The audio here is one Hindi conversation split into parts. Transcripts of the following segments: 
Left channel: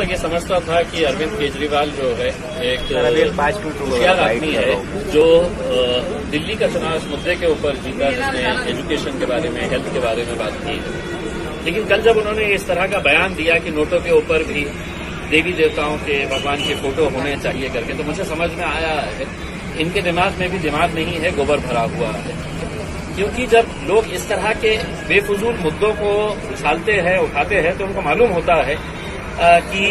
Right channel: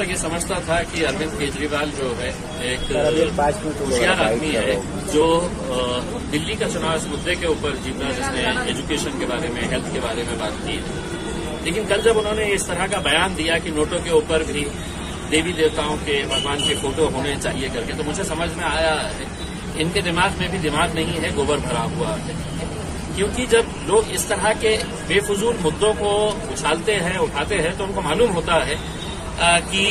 तक ये समझता था कि अरविंद केजरीवाल जो है एक होशियार आदमी है जो दिल्ली का चुनाव इस मुद्दे के ऊपर जीता, जिसने एजुकेशन के बारे में, हेल्थ के बारे में बात की। लेकिन कल जब उन्होंने इस तरह का बयान दिया कि नोटों के ऊपर भी देवी देवताओं के, भगवान के फोटो होने चाहिए करके, तो मुझे समझ में आया है इनके दिमाग में भी दिमाग नहीं है, गोबर भरा हुआ है। क्योंकि जब लोग इस तरह के बेफजूल मुद्दों को उछालते हैं, उठाते हैं, तो उनको मालूम होता है कि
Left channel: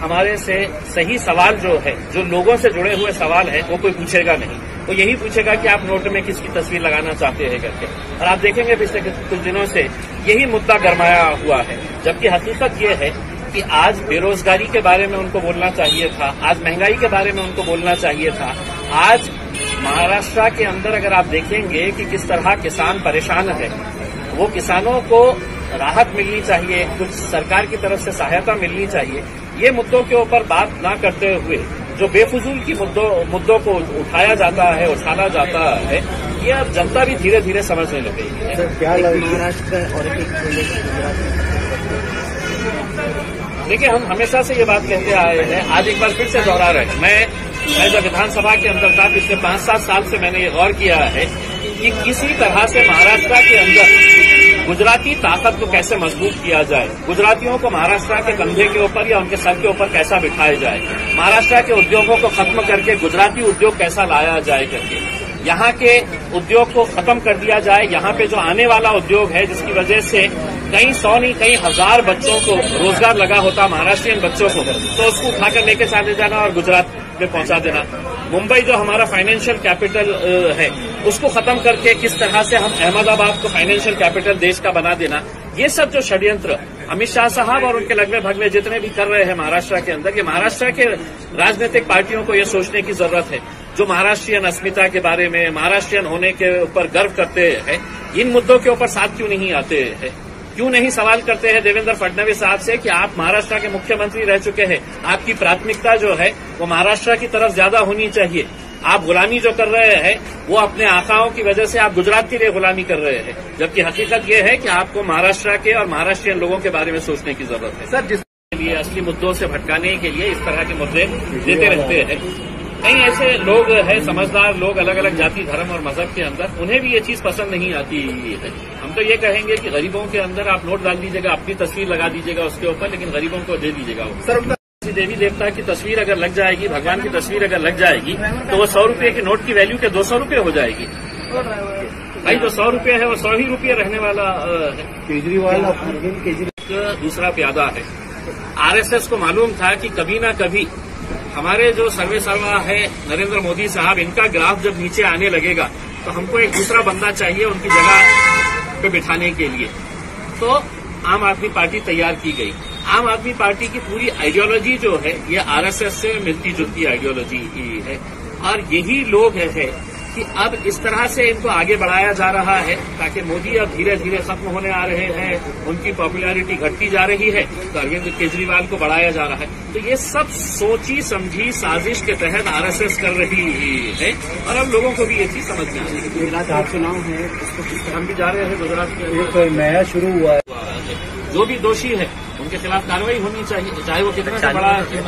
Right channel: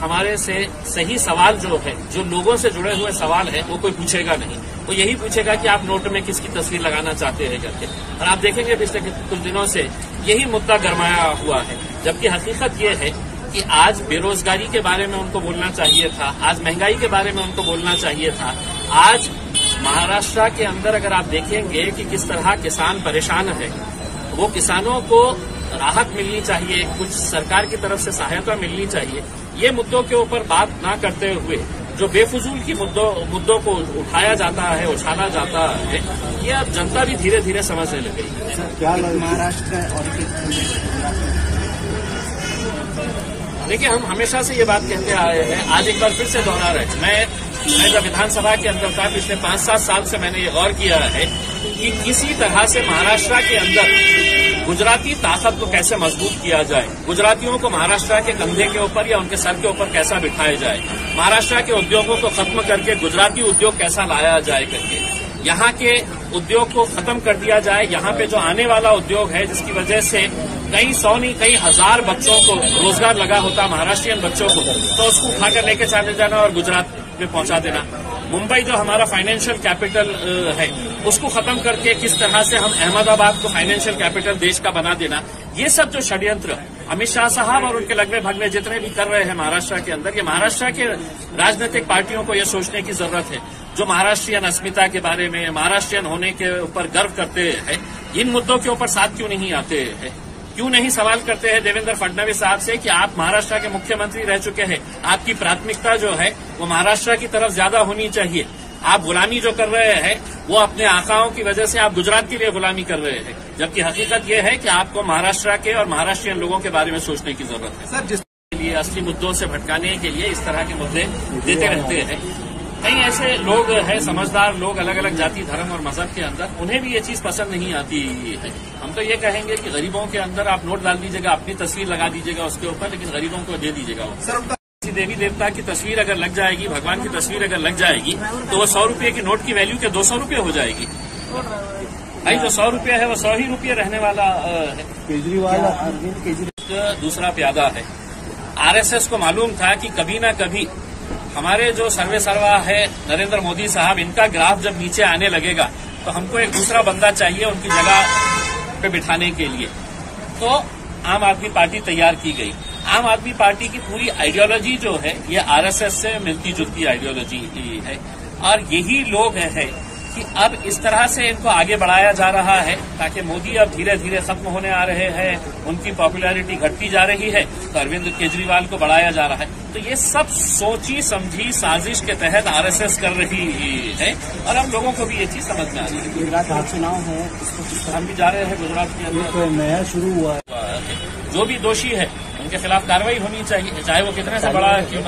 हमारे से सही सवाल जो है, जो लोगों से जुड़े हुए सवाल है, वो कोई पूछेगा नहीं। वो यही पूछेगा कि आप नोट में किसकी तस्वीर लगाना चाहते हैं करके। और आप देखेंगे पिछले कुछ दिनों से यही मुद्दा गरमाया हुआ है, जबकि हकीकत ये है कि आज बेरोजगारी के बारे में उनको बोलना चाहिए था, आज महंगाई के बारे में उनको बोलना चाहिए था। आज महाराष्ट्र के अंदर अगर आप देखेंगे कि किस तरह किसान परेशान है, वो किसानों को राहत मिलनी चाहिए, कुछ सरकार की तरफ से सहायता मिलनी चाहिए। ये मुद्दों के ऊपर बात ना करते हुए जो बेफजूल की मुद्दों को उठाया जाता है, उछाला जाता है, ये अब जनता भी धीरे धीरे समझने लग गई है। महाराष्ट्र और देखिए, हम हमेशा से ये बात कहते आए हैं, आज एक बार फिर से दोहरा रहे हैं। मैं जब विधानसभा के अंदर था पिछले 5-7 साल से, मैंने ये गौर किया है कि किसी तरह से महाराष्ट्र के अंदर गुजराती ताकत को कैसे मजबूत किया जाए, गुजरातियों को महाराष्ट्र के कंधे के ऊपर या उनके सर के ऊपर कैसा बिठाया जाए, महाराष्ट्र के उद्योगों को खत्म करके गुजराती उद्योग कैसा लाया जाए करके, यहाँ के उद्योग को खत्म कर दिया जाए। यहाँ पे जो आने वाला उद्योग है, जिसकी वजह से कई सौ नहीं कई हजार बच्चों को रोजगार लगा होता, महाराष्ट्रियन बच्चों को, तो उसको उठाकर लेके चले जाना और गुजरात में पहुंचा देना। मुंबई जो हमारा फाइनेंशियल कैपिटल है, उसको खत्म करके किस तरह से हम अहमदाबाद को फाइनेंशियल कैपिटल देश का बना देना, ये सब जो षड्यंत्र अमित शाह साहब और उनके लगवे भगवे जितने भी कर रहे हैं महाराष्ट्र के अंदर, ये महाराष्ट्र के राजनीतिक पार्टियों को ये सोचने की जरूरत है, जो महाराष्ट्रियन अस्मिता के बारे में, महाराष्ट्रियन होने के ऊपर गर्व करते हैं, इन मुद्दों के ऊपर साथ क्यों नहीं आते हैं? क्यों नहीं सवाल करते हैं देवेंद्र फडणवीस साहब से कि आप महाराष्ट्र के मुख्यमंत्री रह चुके हैं, आपकी प्राथमिकता जो है वो महाराष्ट्र की तरफ ज्यादा होनी चाहिए। आप गुलामी जो कर रहे हैं वो अपने आकाओं की वजह से आप गुजरात के लिए गुलामी कर रहे हैं, जबकि हकीकत ये है कि आपको महाराष्ट्र के और महाराष्ट्रियन लोगों के बारे में सोचने की जरूरत है। सर, जिसके लिए असली मुद्दों से भटकाने के लिए इस तरह के मुद्दे देते रहते हैं। कई ऐसे लोग हैं, समझदार लोग, अलग अलग जाति, धर्म और मजहब के अंदर, उन्हें भी ये चीज पसंद नहीं आती है। हम तो ये कहेंगे कि गरीबों के अंदर आप नोट डाल दीजिएगा, अपनी तस्वीर लगा दीजिएगा उसके ऊपर, लेकिन गरीबों को दे दीजिएगा वो। सर, देवी देवता की तस्वीर अगर लग जाएगी, भगवान की तस्वीर अगर लग जाएगी, तो वो 100 रुपये की नोट की वैल्यू के 200 रुपये हो जाएगी। भाई, जो 100 रुपये है वो 100 ही रुपये रहने वाला। केजरीवाल दूसरा प्यादा है। आरएसएस को मालूम था कि कभी न कभी हमारे जो सर्वे सर्वा है नरेंद्र मोदी साहब, इनका ग्राफ जब नीचे आने लगेगा तो हमको एक दूसरा बंदा चाहिए उनकी जगह पे बिठाने के लिए। तो आम आदमी पार्टी तैयार की गई। आम आदमी पार्टी की पूरी आइडियोलॉजी जो है ये आरएसएस से मिलती जुलती आइडियोलॉजी है, और यही लोग है कि अब इस तरह से इनको आगे बढ़ाया जा रहा है ताकि मोदी अब धीरे धीरे खत्म होने आ रहे हैं, उनकी पॉपुलैरिटी घटती जा रही है, तो अरविंद केजरीवाल को बढ़ाया जा रहा है। तो ये सब सोची समझी साजिश के तहत आरएसएस कर रही है, और अब लोगों को भी ये चीज समझ में आ रही है। गुजरात में चुनाव है, इसको हम भी जा रहे हैं गुजरात के अंदर, तो नया शुरू हुआ है। जो भी दोषी है उनके खिलाफ कार्रवाई होनी चाहिए, चाहे वो कितने से बड़ा है।